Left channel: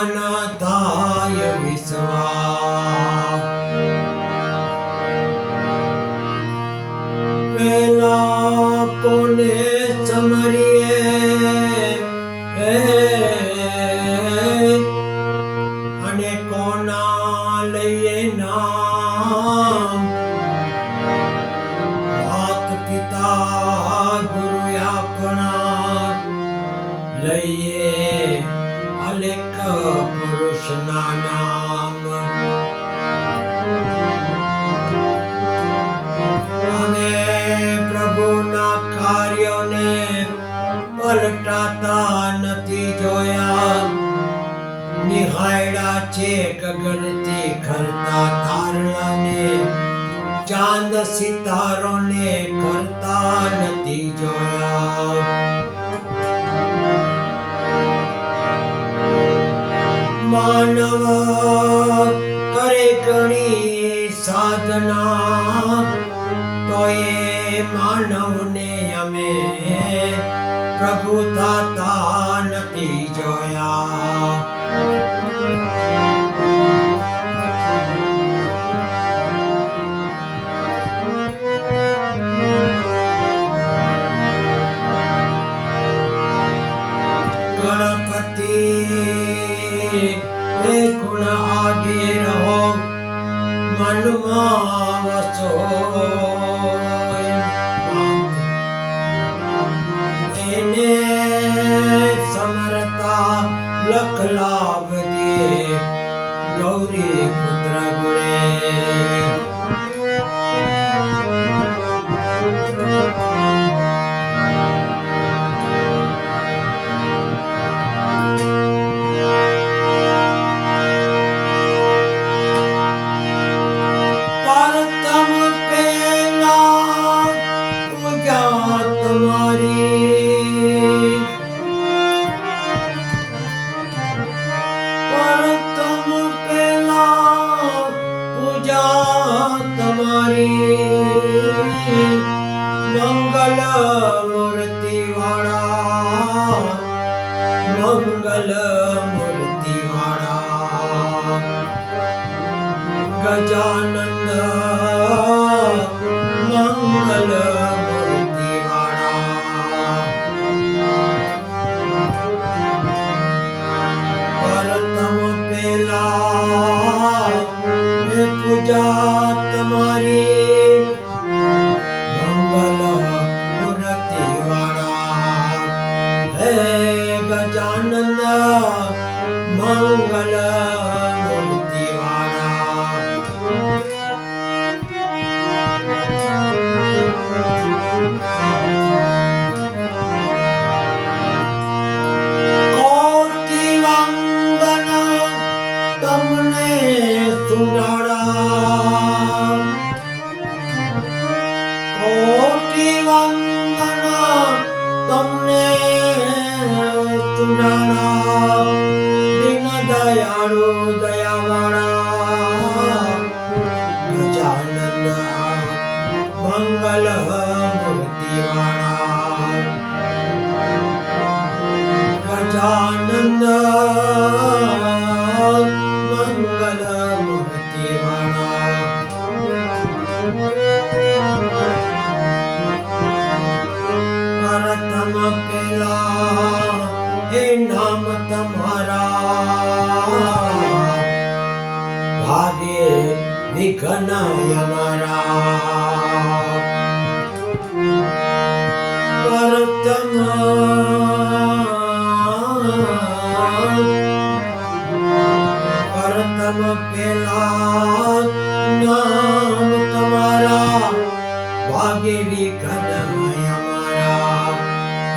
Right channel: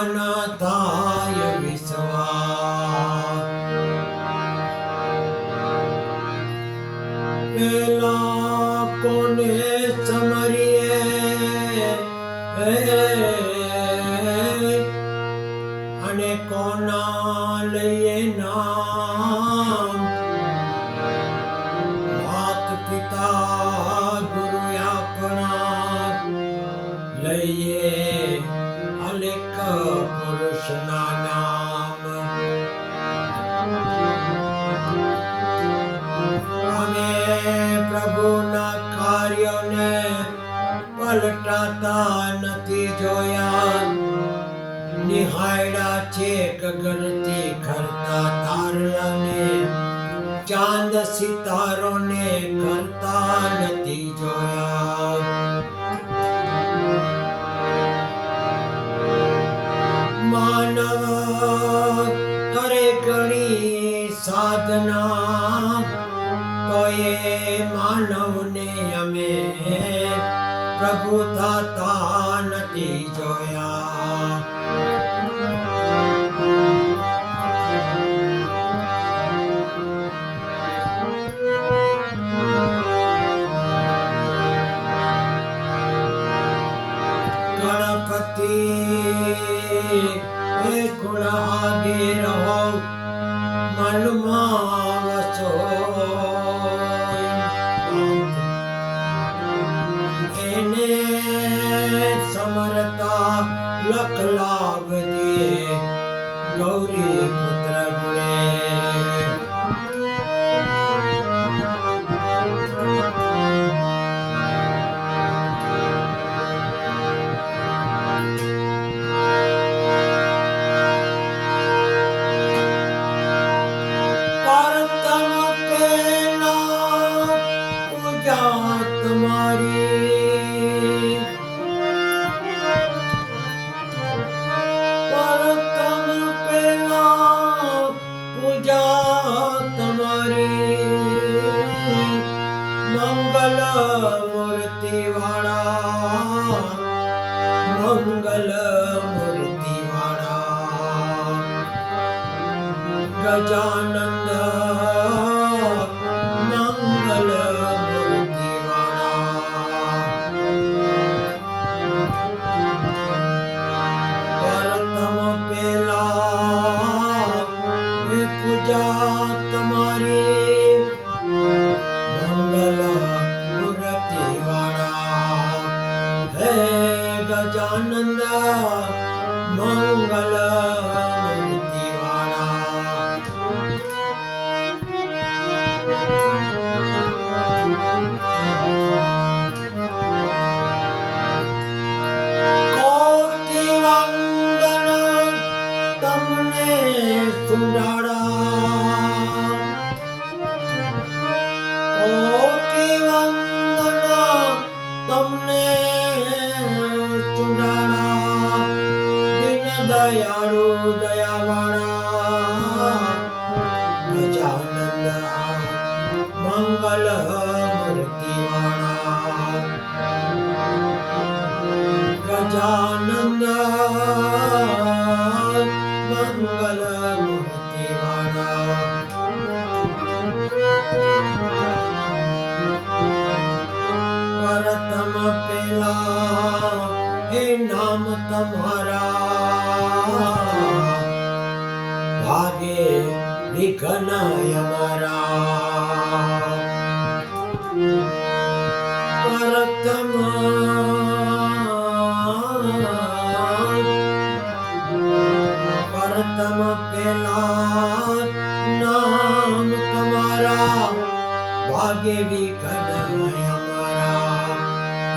સદાના થાય વિશ્વાસ પેલા કોને સમરીએ અને કોના લઈએ નામ માત પિતા ગુરુ આપણા લઈએ અલેખ પુરુષના નામ અમે પ્રભુના કાર્યોને પલટાતા નથી જોયા નિહાળ્યા છે ગગનથી ખરતા તારલાને ચાંદ સિતારોને કરતા નથી જોયા માનવ કરે ઘણી સાધના તો એ માનવને અમે પ્રભુ થતા નથી જોયા ગણપતિ ગુણ આગે રહો મનમાં વસો એને સમરતા લખ લાભ દે ગૌરી પુત્ર ગુણે પરતમ પેલા પૂજા તમારી પરતમ પેલા પૂજા તમારી મંગલ મૂર્તિ વાળા મંગલ મૂર્તિ વાળા ગજાનંદ મંગલ મૂર્તિ વાળા પરતમ પેલા પૂજા તમારી મંગલ મૂર્તિ વાળા હે ગજાનંદ મંગલ મૂર્તિ કોટી વંદન તમને સુંદરા કોટી વંદન તમને સુંદરા દિન દયાળુ દયાવાળા ગજાનંદ મંગલ મૂર્તિ વાળા ગજાનંદ મંગલ મૂર્તિ વાળા પરતમ પેલા એ નામ તમારા ભાગે વિઘ્ન અમારા પરતમ પરતમ પેલા નામ તમારા ભાગે વિઘ્ન અમારા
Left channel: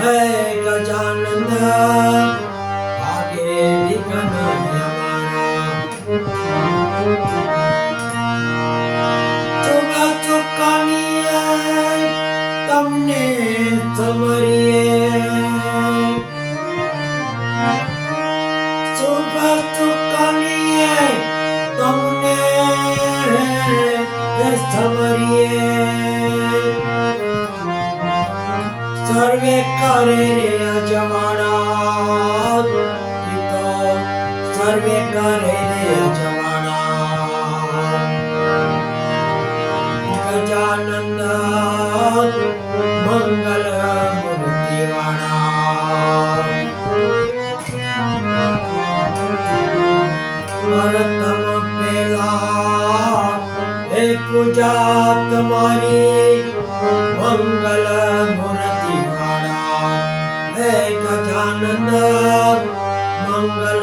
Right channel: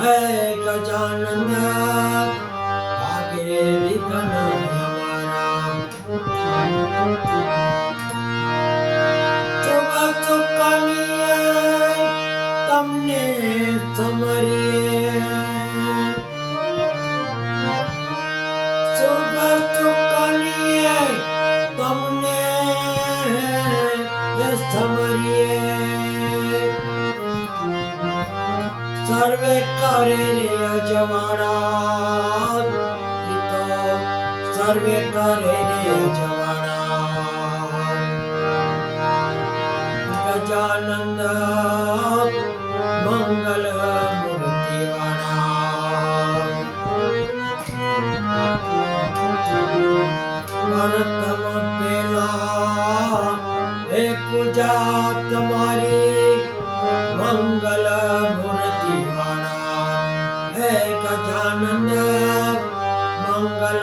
હે ગજાનંદ ભાગે વિઘ્ન અમારા સર્વે કરે રે અજવાળા ગજાનંદ મંગલ મૂર્તિવાળા પ્રથમ પેલા હે પૂજા તમારી મંગલ મૂર્તિવાળા હે ગજાનંદ મંગલ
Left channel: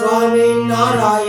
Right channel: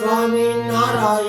સ્વામી નારાયણ